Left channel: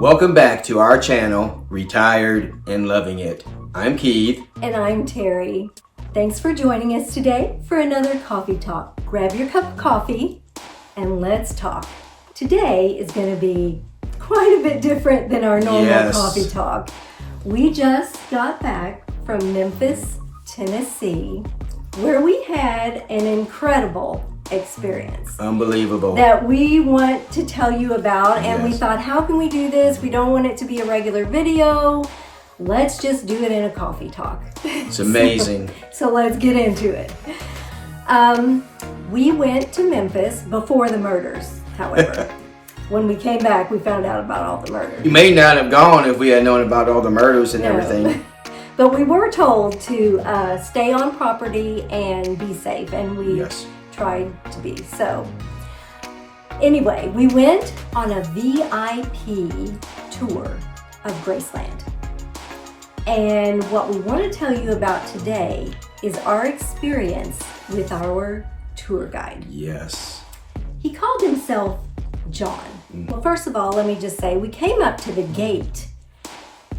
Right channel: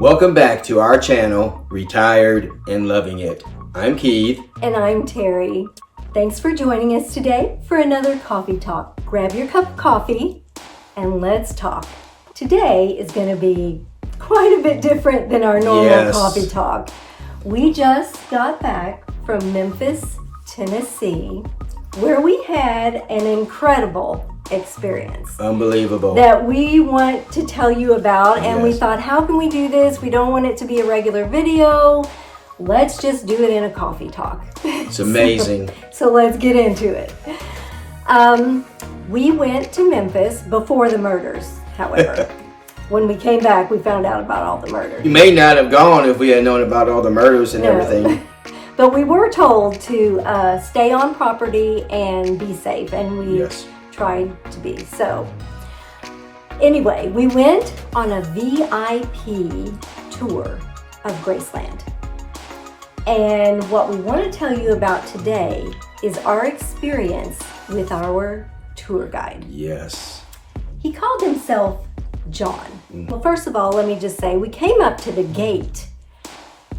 Welcome back to our channel, Retired and Loving It. I'm Keith. And I'm Terry. Thanks for joining us today for another coffee talk. Grab your cup of coffee and let's talk. Today is going to be quite a bit different than our normal coffee talk. We just got back from Memphis, Tennessee, where we had an incredible experience. Unbelievable. That we want to tell you about, and we thought, how can we do this? We don't want it to be a regular video. Let's just do it in a coffee talk. It's amazing. So let's get into it. We went to Memphis before the murders, however. When we came back, we found out about all the murders. You may not have gone if we had known about all the murders and everything. But we were told to stay on property and be safe, and we tried to be. So anyway, we went on a VIP tour of Graceland. And what we want to tell you about today is our experience with our tour guide. Yes. He called himself John. Well, first of all, let me just say, we came up to the gate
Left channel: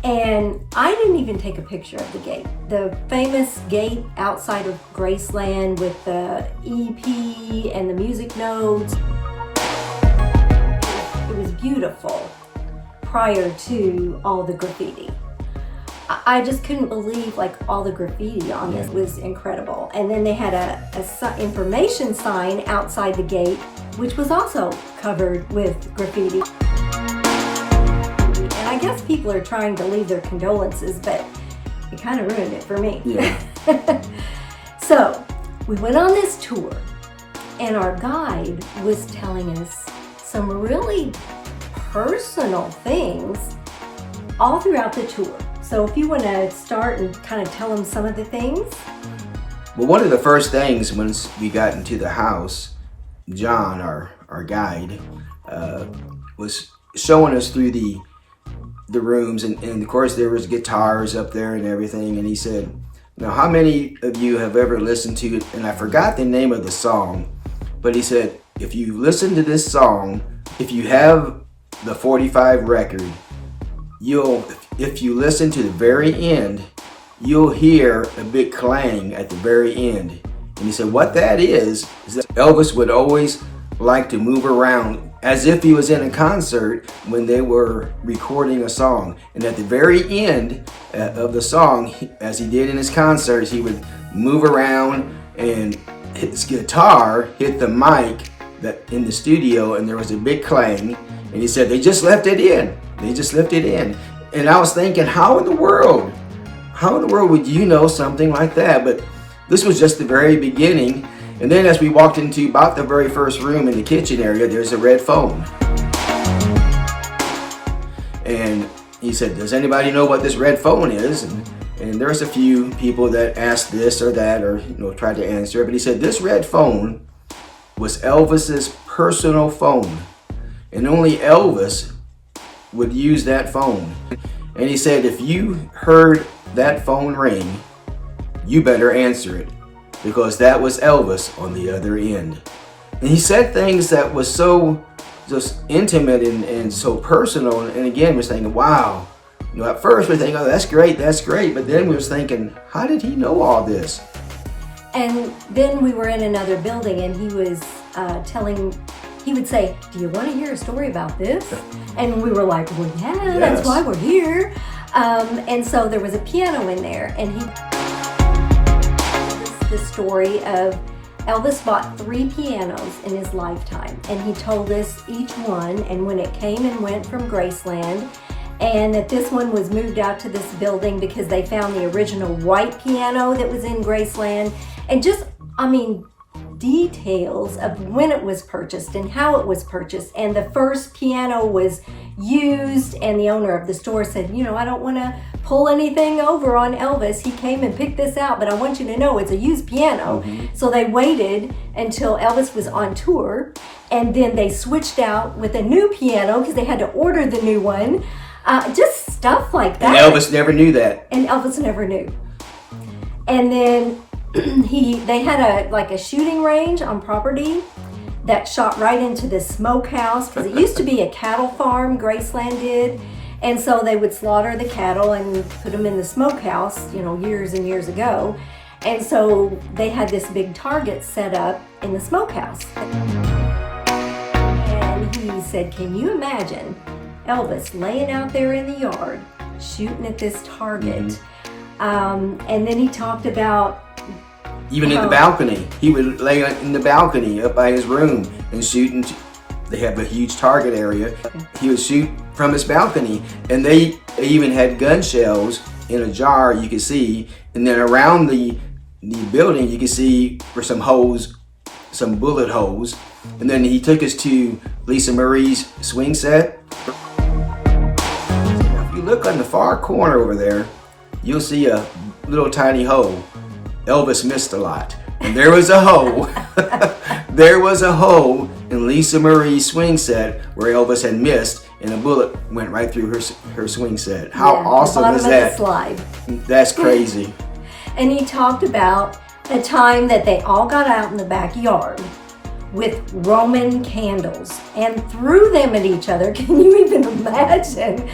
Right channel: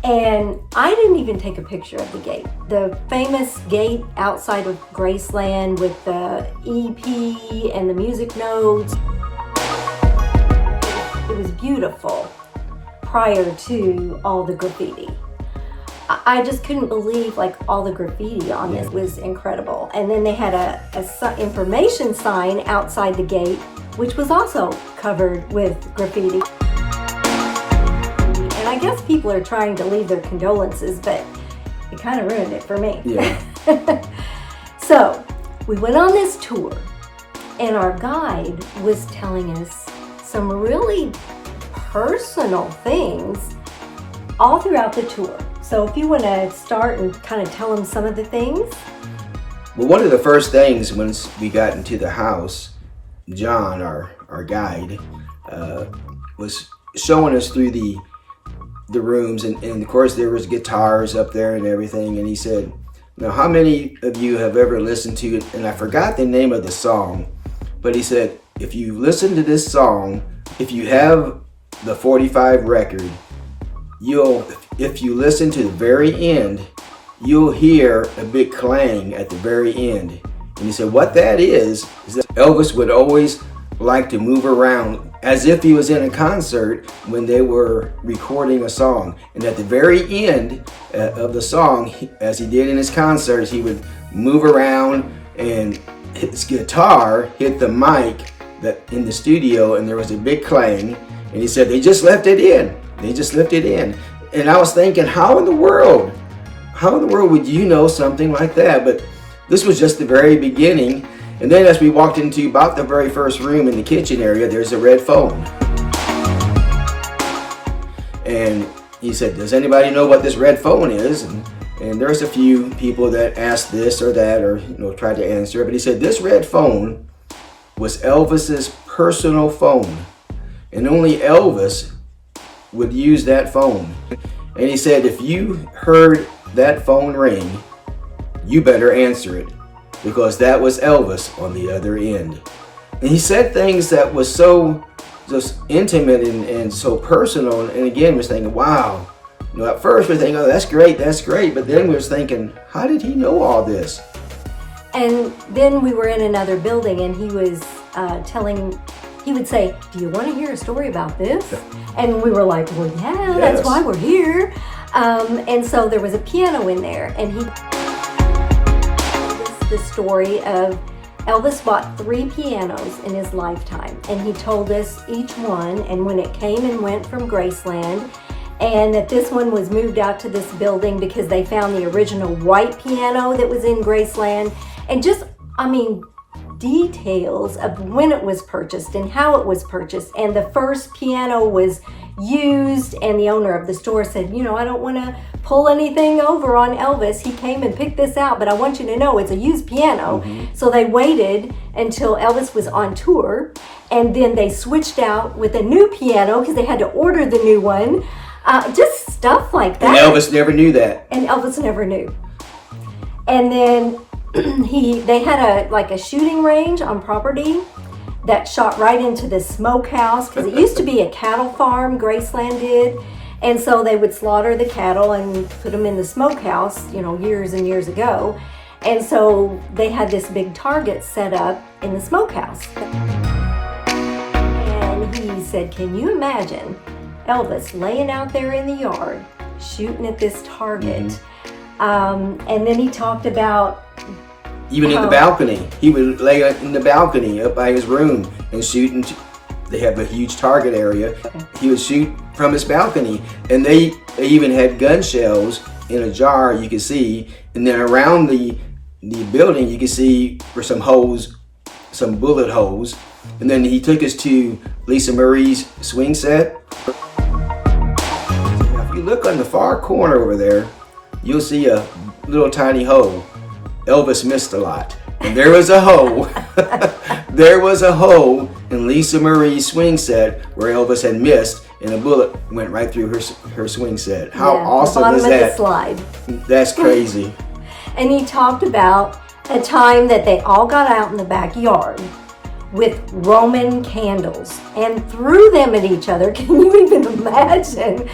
and I didn't even take a picture of the gate. The famous gate outside of Graceland with the EP and the music notes. It was beautiful prior to all the graffiti. I just couldn't believe all the graffiti on this was incredible. And then they had a information sign outside the gate, which was also covered with graffiti. And I guess people are trying to leave their condolences, but it kind of ruined it for me. Yeah. So we went on this tour, and our guide was telling us some really personal things all throughout the tour. So if you want to start and kind of tell them some of the things. Well, one of the first things once we got into the house, John, our guide, was showing us through the rooms, and of course there was guitars up there and everything, and he said, now how many of you have ever listened to it? And I forgot the name of the song, but he said, if you listen to this song, if you have the 45 record, if you listen to the very end, you'll hear a big clang at the very end. And he said what that is that Elvis would always like to move around as if he was in a concert when they were recording a song. And at the very end of the song, as he did in his concerts, he would move around and his guitar hit the mic that in the studio, and there was a big clang. And he said they just left it in. They just left it in. And I was thinking, how in the world would you know something like that? But this was just the very beginning. And then as we walked into about the very first room in the kitchen area, there's a red phone. And he said, does anybody know what this red phone is? And there's a few people that asked this or that, or tried to answer it. But he said this red phone was Elvis's personal phone. And only Elvis would use that phone. And he said, if you heard that phone ring, you better answer it, because that was Elvis on the other end. And he said things that was so just intimate and so personal. And again, we're thinking, wow. At first we're thinking, oh, that's great. But then we was thinking, how did he know all this? And then we were in another building, and he was he would say, do you want to hear a story about this? And we were like, well, yeah, that's why we're here. And so there was a piano in there, and the story of Elvis bought 3 pianos in his lifetime, and he told us each one and when it came and went from Graceland, and that this one was moved out to this building because they found the original white piano that was in Graceland, and just, details of when it was purchased and how it was purchased. And the first piano was used, and the owner of the store said, I don't want to pull anything over on Elvis. He came and picked this out, but I want you to know it's a used piano. So they waited until Elvis was on tour, and then they switched out with a new piano because they had to order the new one. Just stuff like that. And Elvis never knew that. And Elvis never knew. And then they had a shooting range on property that shot right into the smokehouse, because it used to be a cattle farm, Graceland did. And so they would slaughter the cattle and put them in the smokehouse, years and years ago. And so they had this big target set up in the smokehouse. And he said, can you imagine Elvis laying out there in the yard shooting at this target? And then he talked about even in the balcony. He would lay in the balcony up by his room and shoot. They have a huge target area. He would shoot from his balcony, and they even had gun shells in a jar you could see, and then around the building you could see for some holes, some bullet holes. And then he took us to Lisa Marie's swing set. Now, if you look on the far corner over there, you'll see a little tiny hole. Elvis missed a lot. And there was a hole. There was a hole in Lisa Marie's swing set where Elvis had missed, and a bullet went right through her swing set. How awesome is that? The slide. That's crazy. And he talked about a time that they all got out in the backyard with Roman candles and threw them at each other. Can you even imagine?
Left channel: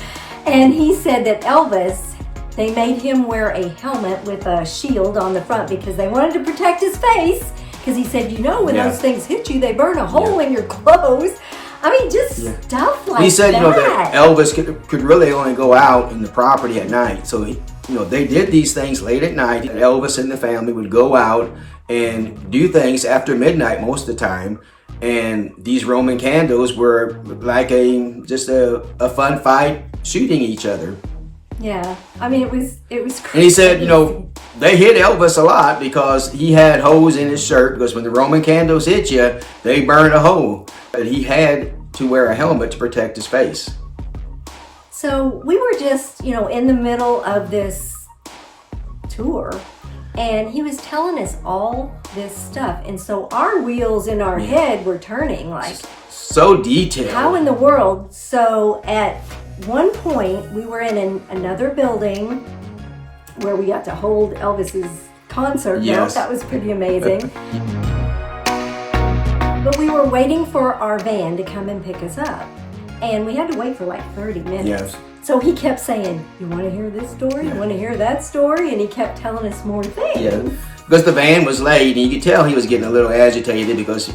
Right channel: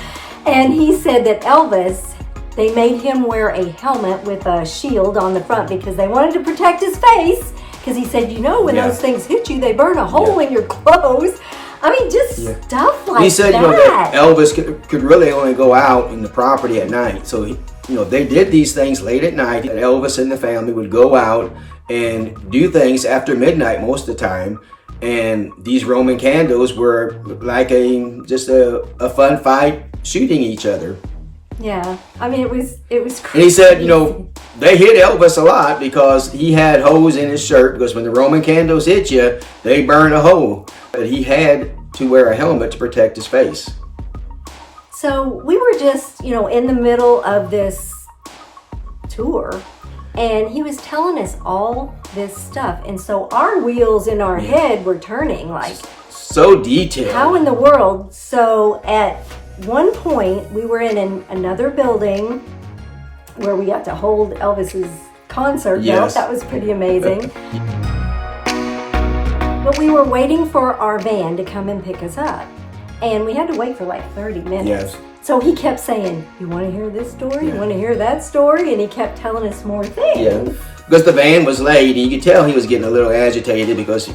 And he said that Elvis, they made him wear a helmet with a shield on the front because they wanted to protect his face. Because he said, when those things hit you, they burn a hole in your clothes. I mean, just stuff like that. He said, that Elvis could really only go out in the property at night. So, they did these things late at night. Elvis and the family would go out and do things after midnight most of the time. And these Roman candles were like just a fun fight shooting each other. Yeah, I mean, it was crazy. And he said, they hit Elvis a lot because he had holes in his shirt, because when the Roman candles hit you, they burn a hole. But he had to wear a helmet to protect his face. So we were just, in the middle of this tour, and he was telling us all this stuff. And so our wheels in our head were turning like, so detailed. How in the world? So at one point, we were in another building where we got to hold Elvis's concert. Yes. That was pretty amazing. But we were waiting for our van to come and pick us up. And we had to wait for like 30 minutes. Yes. So he kept saying, you want to hear this story? You want to hear that story? And he kept telling us more things. Yeah. Because the van was late, and you could tell he was getting a little agitated because,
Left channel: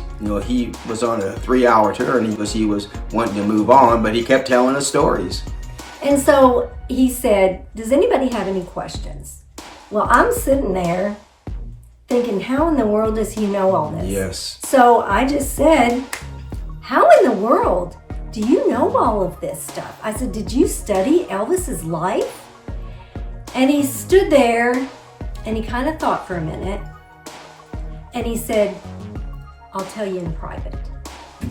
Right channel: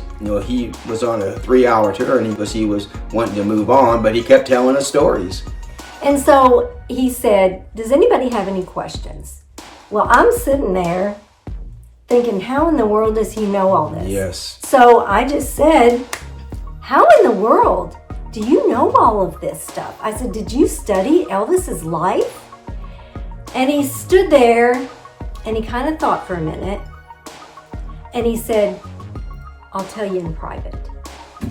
he was on a 3-hour tour, because he was wanting to move on, but he kept telling us stories. And so he said, does anybody have any questions? Well, I'm sitting there thinking, how in the world does he know all this? Yes. So I just said, how in the world do you know all of this stuff? I said, did you study Elvis's life? And he stood there and he kind of thought for a minute, and he said, I'll tell you in private.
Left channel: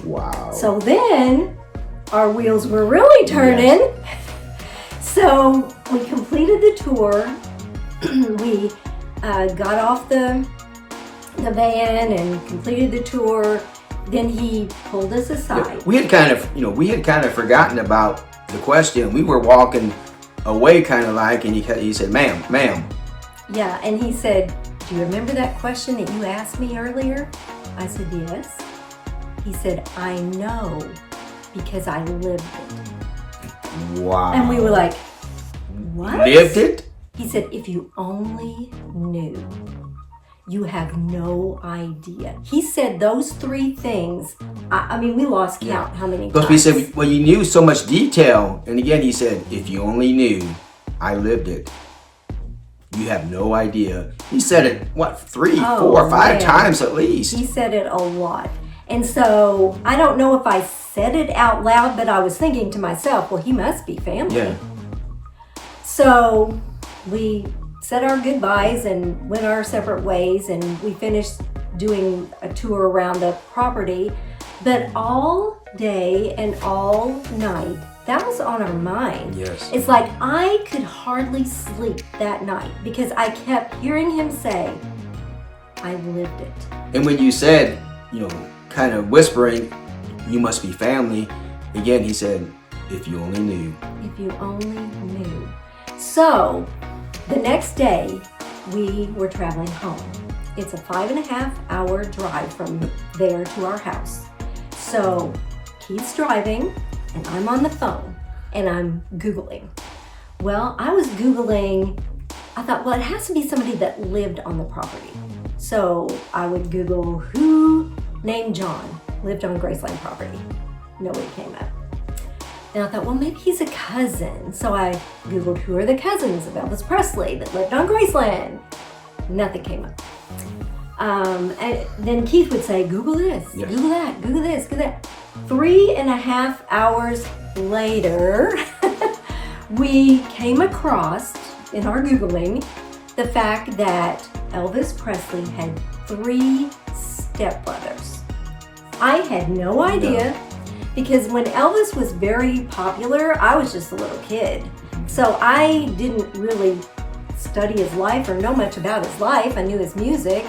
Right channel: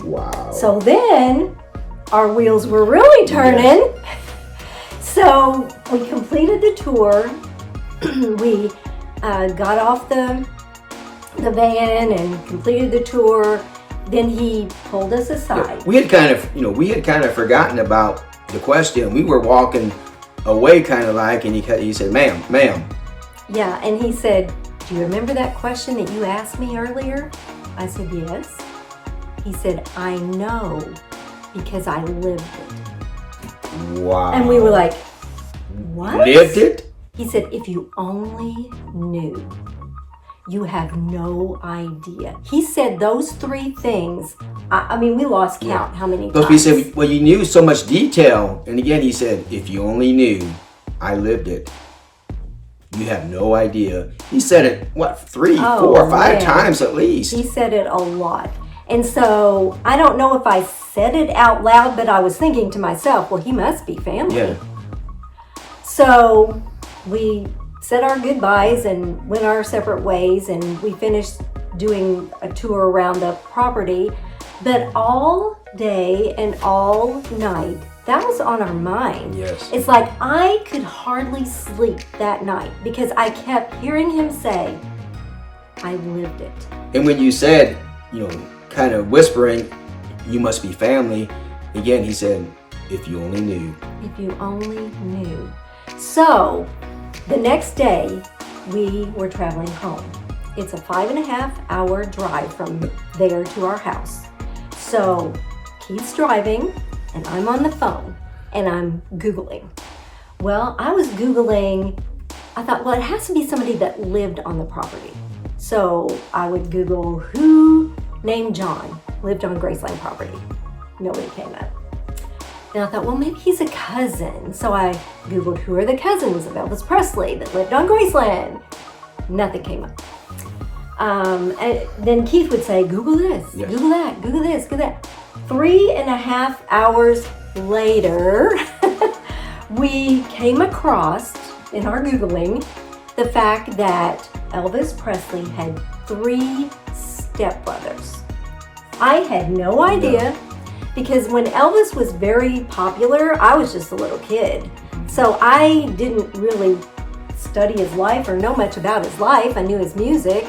Wow. So then our wheels were really turning. Yes. So we completed the tour. We got off the van and completed the tour. Then he pulled us aside. Yeah, we had kind of forgotten about the question. We were walking away kind of like, and he said, ma'am. Yeah, and he said, do you remember that question that you asked me earlier? I said, yes. He said, I know, because I lived it. Wow. And we were like, what? Lived it? He said, if you only knew, you have no idea. He said those 3 things. I mean, we lost count how many times. But he said, well, you knew so much detail. And again, he said, if you only knew, I lived it. You have no idea. He said it, 3, 4, 5 times at least. He said it a lot. And so, I don't know if I said it out loud, but I was thinking to myself, well, he must be family. Yeah. So, we said our goodbyes and went our separate ways, and we finished doing a tour around the property. But all day and all night, that was on our mind. Yes. It's like I could hardly sleep that night because I kept hearing him say, I lived it. And when you said, kind of whispering, you must be family, again, he said, if you only knew. If you only knew. So, the next day, we were traveling home. It's a 5.5-hour drive from there to our house. So Keith's driving, and I'm on the phone, and I'm Googling. Well, I was Googling, I thought, well, it has to be somebody that lived on the property. So I would Google who named John lived on Graceland property. Nobody came up. Then I thought, well, maybe he's a cousin. So I Googled who are the cousins of Elvis Presley that lived on Graceland. Nothing came up. And then Keith would say, Google this, Yes. Google that, Google this, Google that. 3.5 hours later, we came across, in our Googling, the fact that Elvis Presley had 3 stepbrothers. I had no idea, because when Elvis was very popular, I was just a little kid. So I didn't really study his life or know much about his life. I knew his music.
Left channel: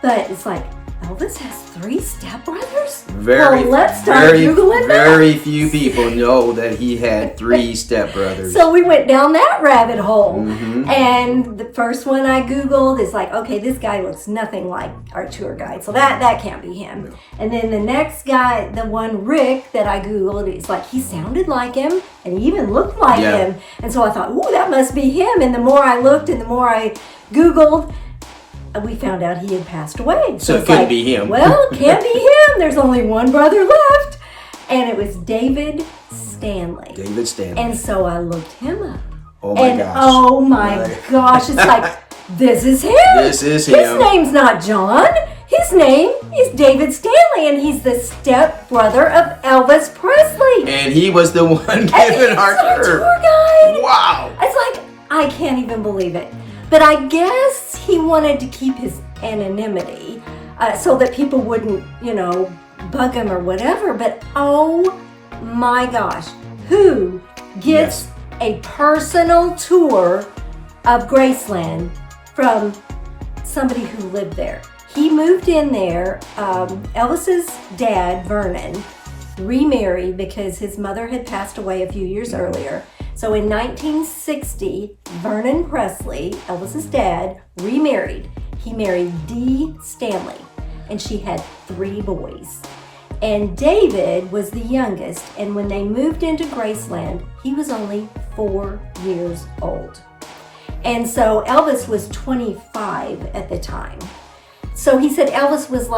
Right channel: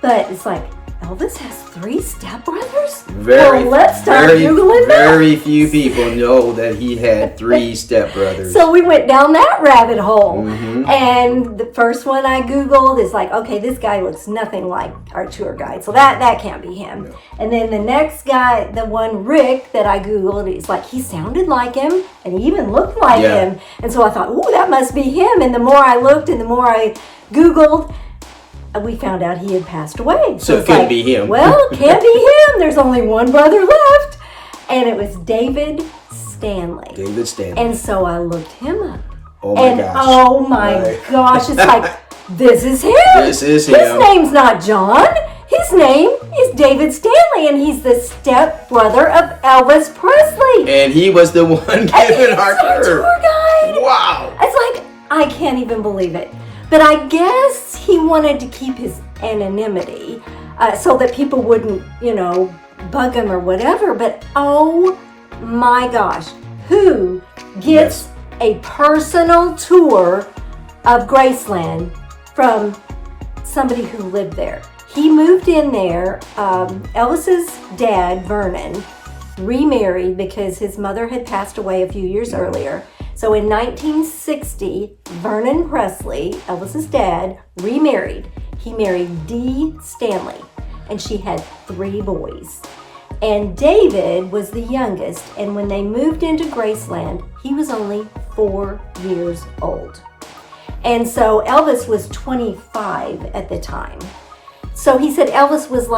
But it's like, Elvis has 3 stepbrothers? Well, let's start Googling that. Very few people know that he had 3 stepbrothers. So we went down that rabbit hole. And the first one I Googled is like, okay, this guy looks nothing like our tour guide. So that can't be him. No. And then the next guy, the one Rick that I Googled, it's like he sounded like him and he even looked like him. And so I thought, ooh, that must be him. And the more I looked and the more I Googled, we found out he had passed away. So it couldn't be him. Well, can't be him. There's only one brother left. And it was David Stanley. David Stanley. And so I looked him up. Oh my gosh. Oh my gosh. It's like, this is him. This is him. His name's not John. His name is David Stanley, and he's the stepbrother of Elvis Presley. And he was the one giving our tour. Guide. Wow. It's like, I can't even believe it. But I guess he wanted to keep his anonymity so that people wouldn't, bug him or whatever. But oh my gosh, who gets a personal tour of Graceland from somebody who lived there? He moved in there. Elvis's dad, Vernon, remarried because his mother had passed away a few years earlier. So in 1960, Vernon Presley, Elvis's dad, remarried. He married Dee Stanley, and she had 3 boys. And David was the youngest, and when they moved into Graceland, he was only 4 years old. And so Elvis was 25 at the time. So he said Elvis was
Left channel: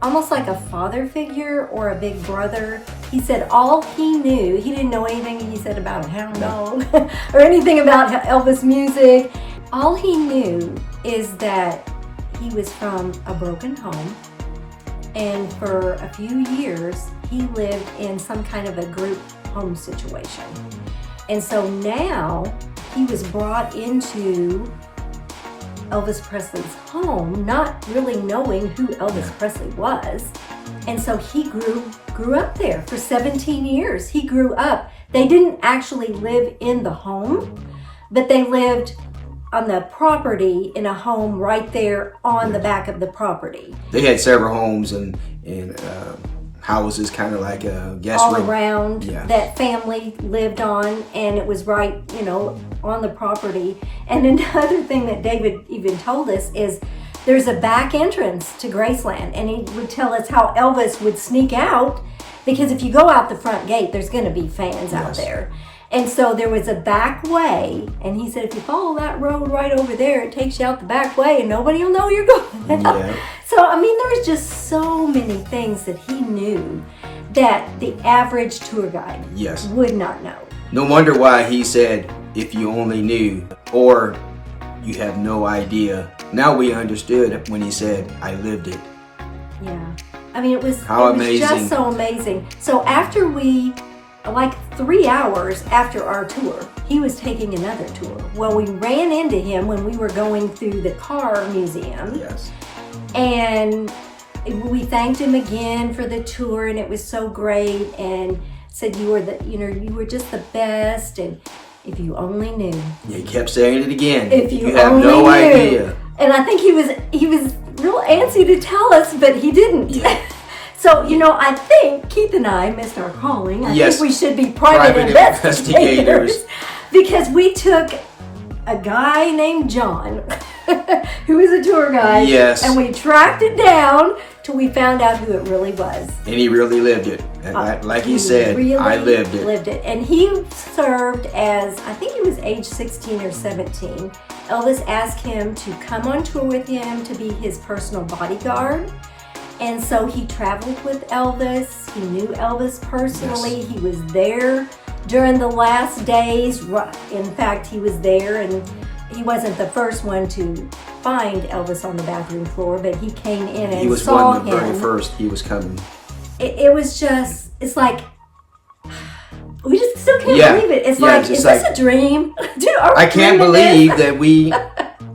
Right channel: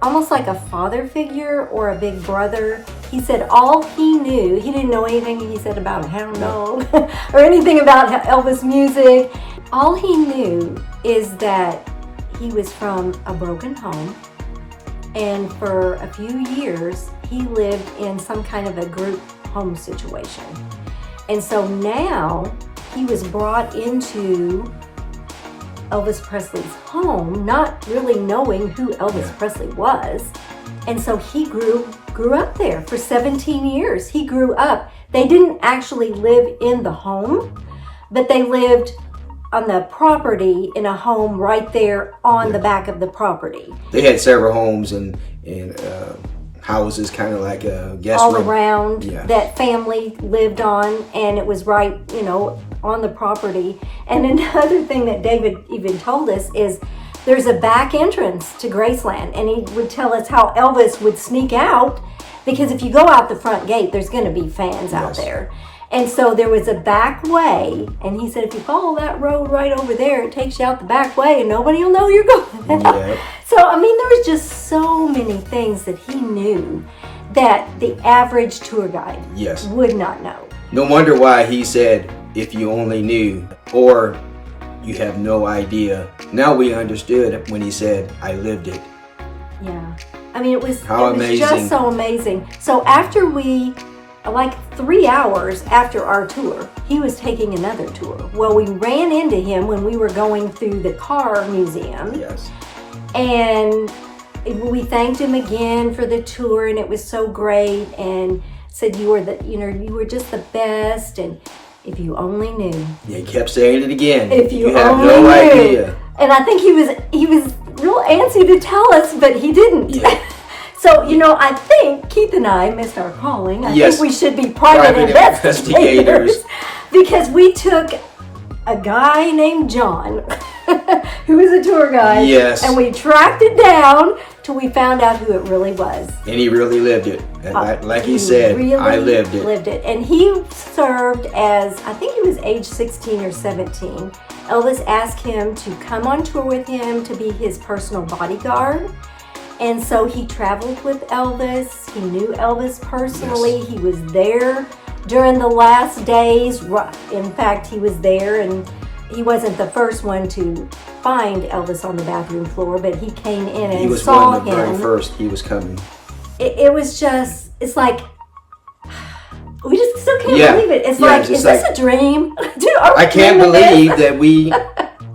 almost like a father figure or a big brother. He said all he knew, he didn't know anything, he said, about hound dog or anything about Elvis music. All he knew is that he was from a broken home, and for a few years he lived in some kind of a group home situation. And so now he was brought into Elvis Presley's home, not really knowing who Elvis Presley was. And so he grew up there for 17 years. He grew up. They didn't actually live in the home, but they lived on the property in a home right there on the back of the property. They had several homes and houses, kind of like a guest all room. around that family lived on, and it was right, on the property. And another thing that David even told us is there's a back entrance to Graceland, and he would tell us how Elvis would sneak out, because if you go out the front gate, there's going to be fans out there. And so there was a back way, and he said if you follow that road right over there, it takes you out the back way, and nobody will know you're going. So, there was just so many things that he knew that the average tour guide would not know. No wonder why he said, if you only knew, or you have no idea. Now we understood when he said, I lived it. Yeah. It was amazing. Just so amazing. So after 3 hours after our tour, he was taking another tour. Well, we ran into him when we were going through the car museum. Yes. And we thanked him again for the tour, and it was so great, and said you were just the best, and if you only knew. Yeah, he kept saying it again. If you have only no knew. idea. And I think he was real antsy to tell us, but he didn't. Yeah. So, I think Keith and I missed our calling. I think we should be private investigators. Because we took a guy named John, who was a tour guide. Yes. And we tracked it down till we found out who it really was. And he really lived it. And like he said, really I lived it. Lived it. And he served as, I think he was age 16 or 17. Elvis asked him to come on tour with him to be his personal bodyguard. And so he traveled with Elvis. He knew Elvis personally. Yes. He was there during the last days. In fact, he was there, and he wasn't the first one to find Elvis on the bathroom floor, but he came in and saw him. He was one of the very first. He was coming. It was just, it's like, we just still can't believe it. It's like, is this a dream? Dude, I can't believe that we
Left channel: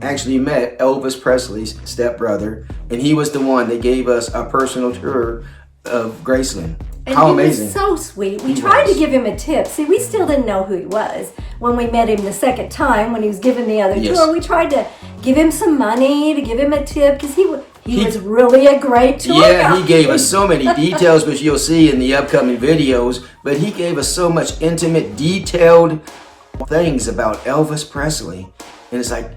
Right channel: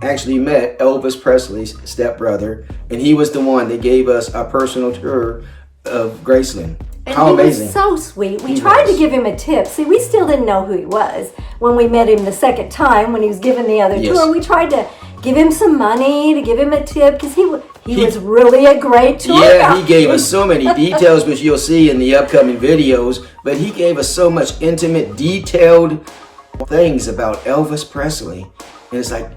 actually met Elvis Presley's stepbrother, and he was the one that gave us a personal tour of Graceland. And how amazing. Was so sweet. We tried to give him a tip. See, we still didn't know who he was when we met him the second time when he was giving the other tour. We tried to give him some money, to give him a tip, because he was really a great tour guide. He gave us so many details, which you'll see in the upcoming videos, but he gave us so much intimate, detailed things about Elvis Presley. And it's like,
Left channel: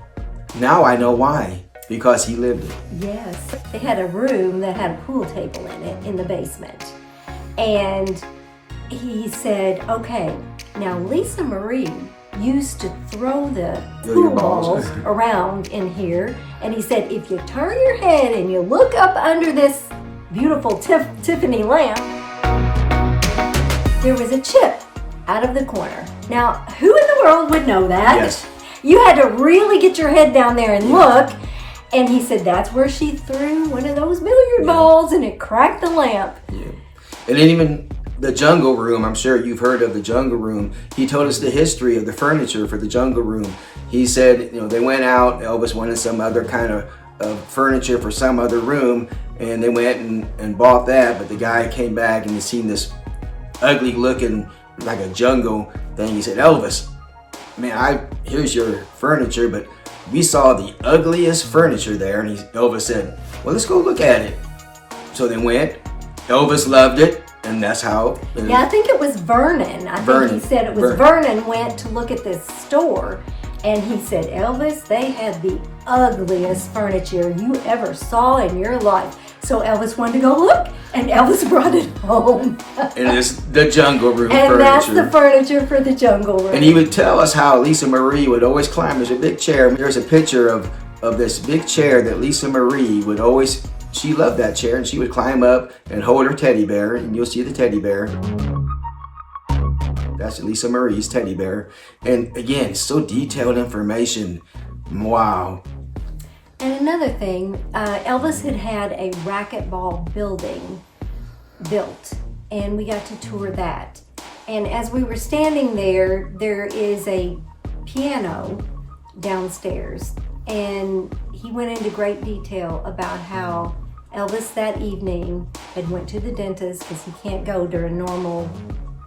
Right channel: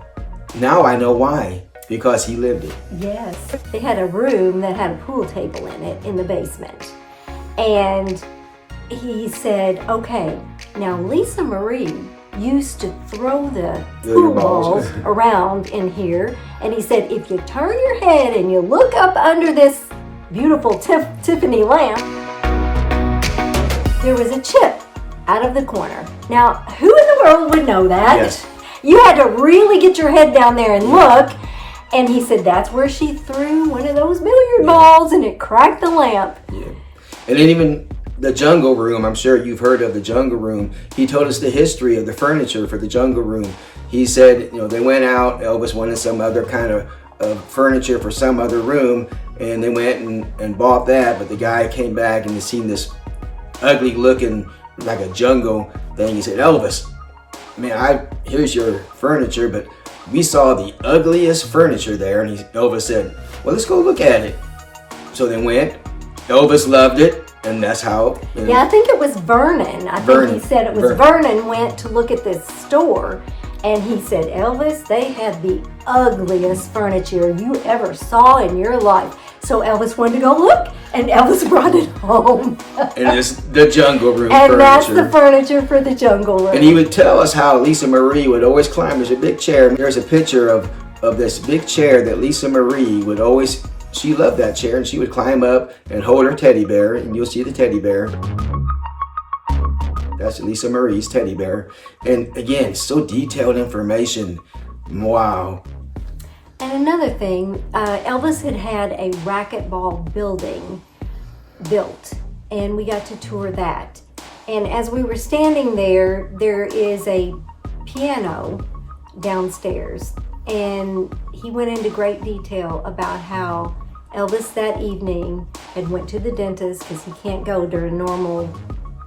now I know why. Because he lived it. Yes. They had a room that had a pool table in it in the basement. And he said, okay, now Lisa Marie used to throw the pool balls around in here. And he said, if you turn your head and you look up under this beautiful Tiffany lamp, there was a chip out of the corner. Now, who in the world would know that? Yes. You had to really get your head down there and look. And he said that's where she threw one of those billiard balls and it cracked the lamp. Yeah. And then even the Jungle Room, I'm sure you've heard of the Jungle Room. He told us the history of the furniture for the Jungle Room. He said, they went out, Elvis wanted some other kind of furniture for some other room, and they went and bought that, but the guy came back and he seen this ugly looking, like a jungle thing. He said, Elvis, man, here's your furniture, but we saw the ugliest furniture there. And Elvis said, well, let's go look at it. So they went. Elvis loved it. And that's how. I think it was Vernon. I think he said it was Vernon went to look at this store. And he said, Elvis, they had the ugliest furniture you ever saw in your life. So Elvis wanted to go look. And Elvis brought it home. And it's the Jungle Room and furniture. That's the furniture for the Jungle Room. And he would tell us how Lisa Marie would always climb. There's a big chair. There's a picture of this big chair that Lisa Marie would always, she loved that chair, and she would climb up and hold her teddy bear, and you'll see the teddy bear. That's Lisa Marie's teddy bear. And again, so detailed information. Wow. And another thing, Elvis had a racquetball building built, and we got to tour that. And as we were standing there, there is a piano downstairs, and he went into great detail about how Elvis that evening had went to the dentist, because he can't go during normal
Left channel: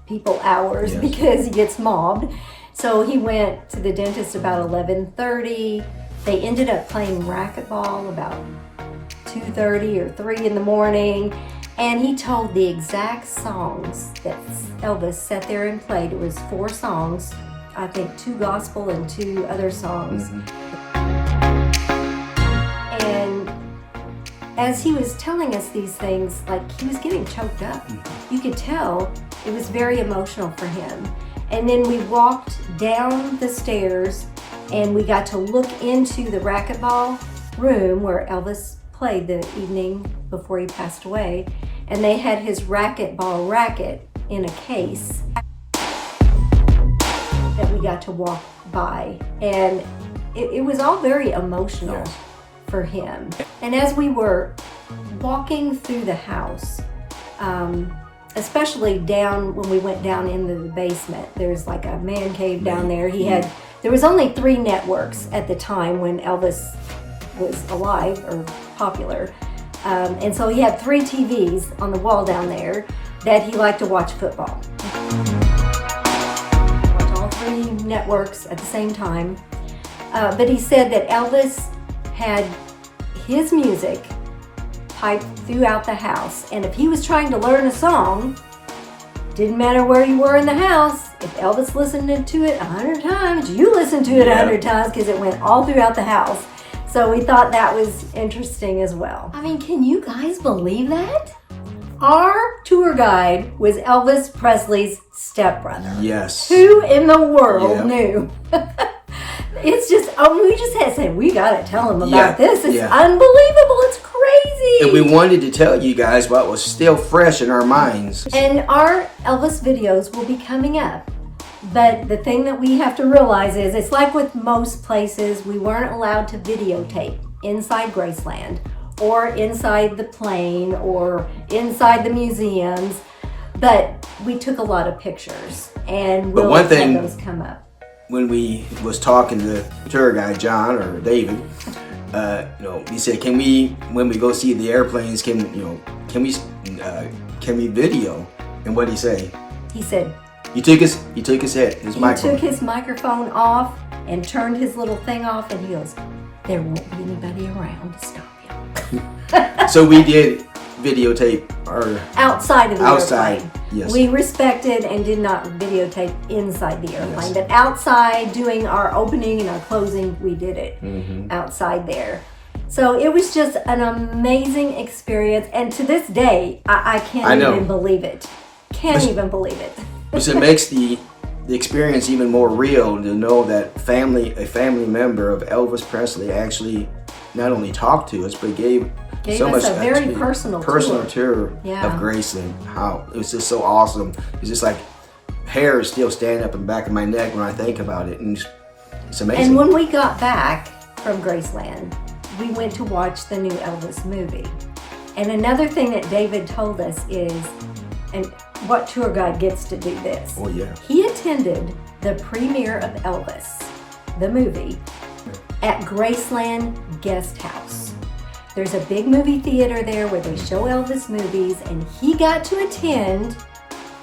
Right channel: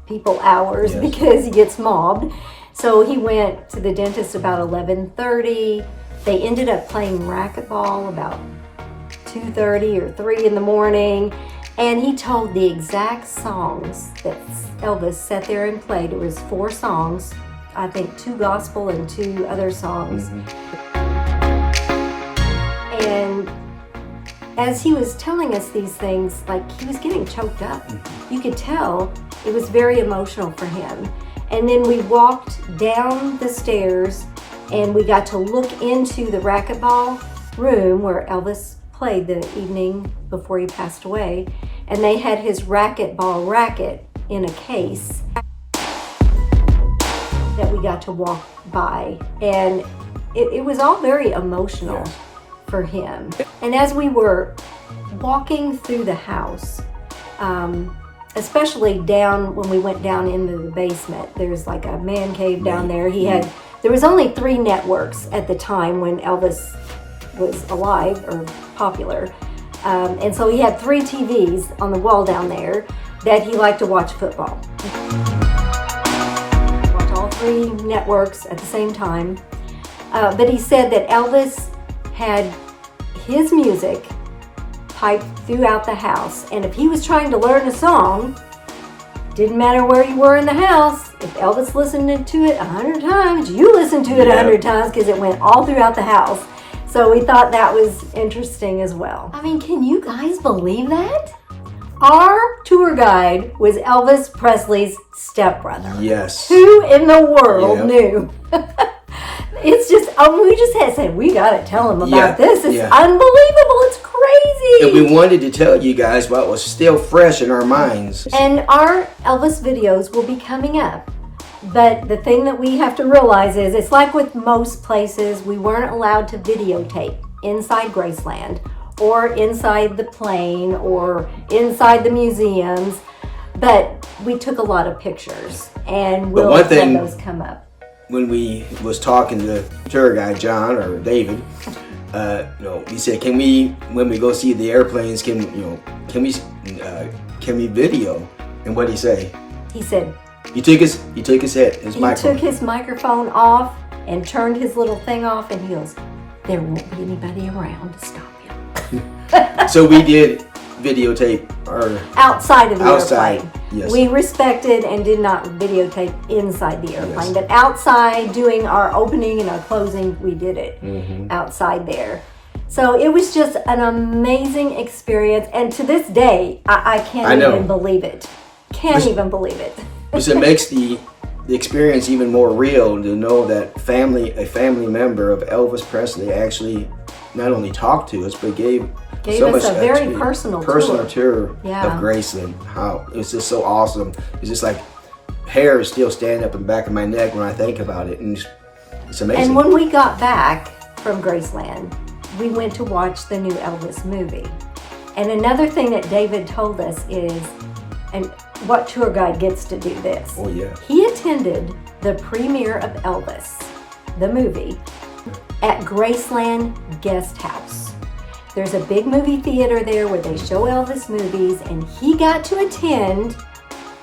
people hours because he gets mobbed. So he went to the dentist about 11:30. They ended up playing racquetball about 2:30 or 3 in the morning. And he told the exact songs that Elvis sat there and played. It was 4 songs, I think 2 gospel and 2 other songs. And as he was telling us these things, like, he was getting choked up. You could tell it was very emotional for him. And then we walked down the stairs and we got to look into the racquetball room where Elvis played the evening before he passed away. And they had his racquetball racket in a case that we got to walk by. And it was all very emotional for him. And as we were walking through the house, especially down when we went down into the basement, there's like a man cave down there. There was only 3 networks at the time when Elvis was alive or popular. And so he had 3 TVs on the wall down there that he liked to watch football. Watch all 3 networks at the same time. But he said that Elvis had his music piped throughout the house. And if he was trying to learn a song, didn't matter where you were in the house, if Elvis listened to it 100 times, you listened to it 100 times because it went all throughout the house. So we thought that was interesting as well. I mean, can you guys believe that? Our tour guide was Elvis Presley's stepbrother. Yes. Who in the world knew? It's just, we just had to say, we got to tell him about this. It's unbelievable. It's crazy. And we wanted to tell you guys what was still fresh in our minds. And our Elvis videos will be coming up. But the thing that we have to realize is, it's like with most places, we weren't allowed to videotape inside Graceland or inside the plane or inside the museums. But we took a lot of pictures, and we'll let those come up. When we was talking to the tour guide, John or David, he said, "Can we, when we go see the airplanes, can we video?" And what did he say? He said, He took his microphone. He took his microphone off and turned his little thing off, and he goes, "There won't be anybody around to stop you." So we did videotape outside of the airplane. Yes. We respected and did not videotape inside the airplane, but outside doing our opening and our closing, we did it outside there. So it was just an amazing experience, and to this day, I can't even believe it. Can't even believe it. Because it makes the experience even more real to know that a family member of Elvis Presley actually not only talked to us, but gave so us much a very personal tour of Graceland. How it was just so awesome. It's just like hair is still standing up in the back of my neck when I think about it, and it's amazing. And when we got back from Graceland, we went to watch the new Elvis movie. And another thing that David told us is, and what tour guide gets to do this? Oh yeah. He attended the premiere of Elvis, the movie, at Graceland Guest House. There's a big movie theater there where they show Elvis movies, and he got to attend,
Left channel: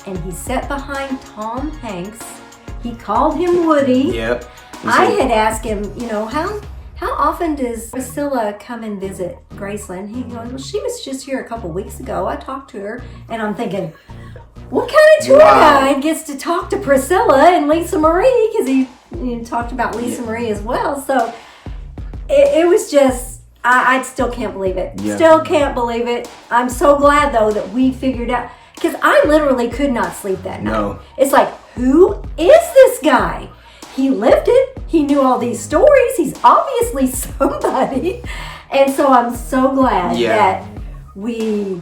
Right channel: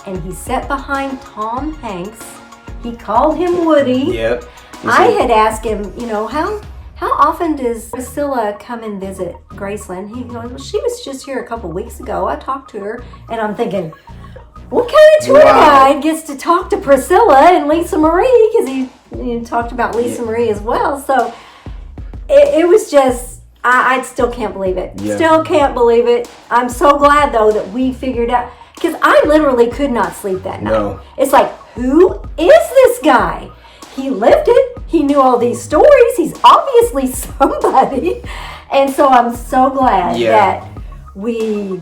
and he sat behind Tom Hanks. He called him Woody. Yep. I had asked him, how often does Priscilla come and visit Graceland? He goes, well, she was just here a couple weeks ago. I talked to her, and I'm thinking, what kind of tour guide gets to talk to Priscilla and Lisa Marie? Because he talked about Lisa Marie as well. So it was just, I still can't believe it. Yeah. Still can't believe it. I'm so glad, though, that we figured out, because I literally could not sleep that night. No. It's like, who is this guy? He lived it. He knew all these stories. He's obviously somebody. And so I'm so glad that we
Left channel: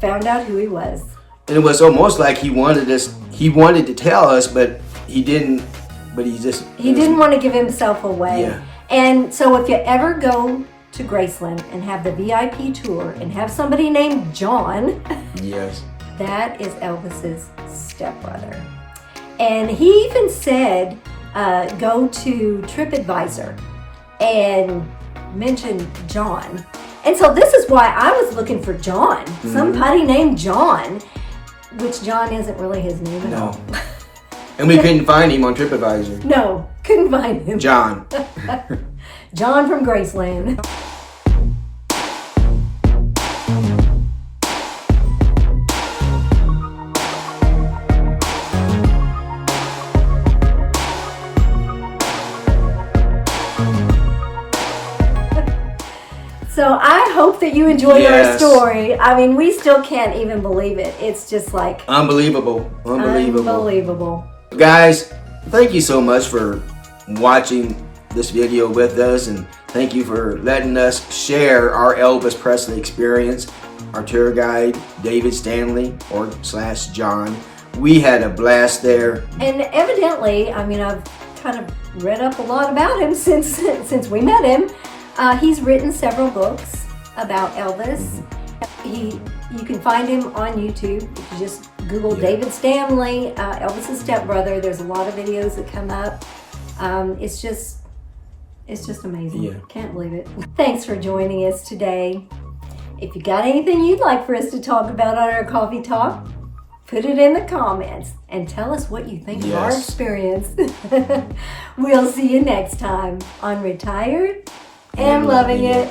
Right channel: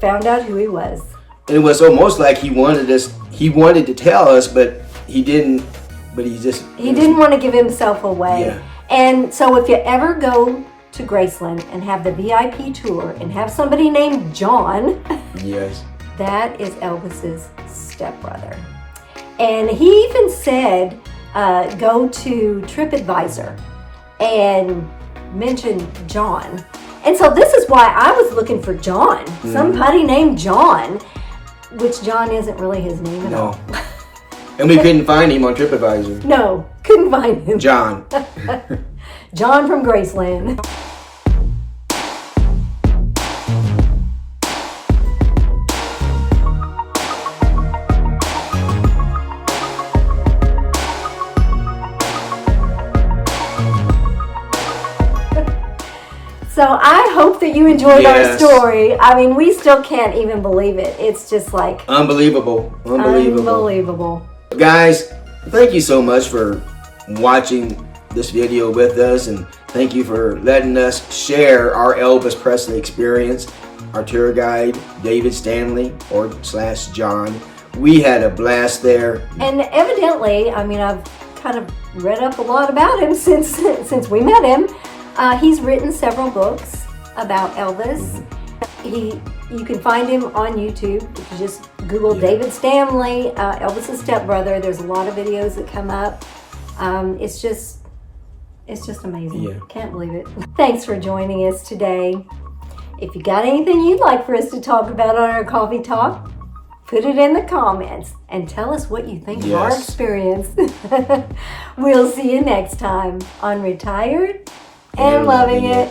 found out who he was. And it was almost like he wanted to tell us, but he didn't, he didn't want to give himself away. Yeah. And so if you ever go to Graceland and have the VIP tour and have somebody named John, yes, that is Elvis's stepbrother. And he even said, go to TripAdvisor and mention John. And so this is why I was looking for John. Somebody named John, which John isn't really his name at all. And we couldn't find him on TripAdvisor. No, couldn't find him. John. John from Graceland. So I hope that you enjoyed our story. I mean, we still can't even believe it. It's just like unbelievable. Guys, thank you so much for watching this video with us, and thank you for letting us share our Elvis Presley experience. Our tour guide, David Stanley / John. We had a blast there. And evidently, I mean, I've kind of read up a lot about him since we met him. He's written several books about Elvis. You can find him on YouTube. If you just Google David Stanley, Elvis's stepbrother. There's a lot of videos that come up. It's just amazing. Yeah. Can't believe it. Thanks for joining us today. If you got anything you'd like for us to talk about on our Coffee Talk, put it in the comments and tell us what you think of our experience. We'll see you next time on Retired and Loving It.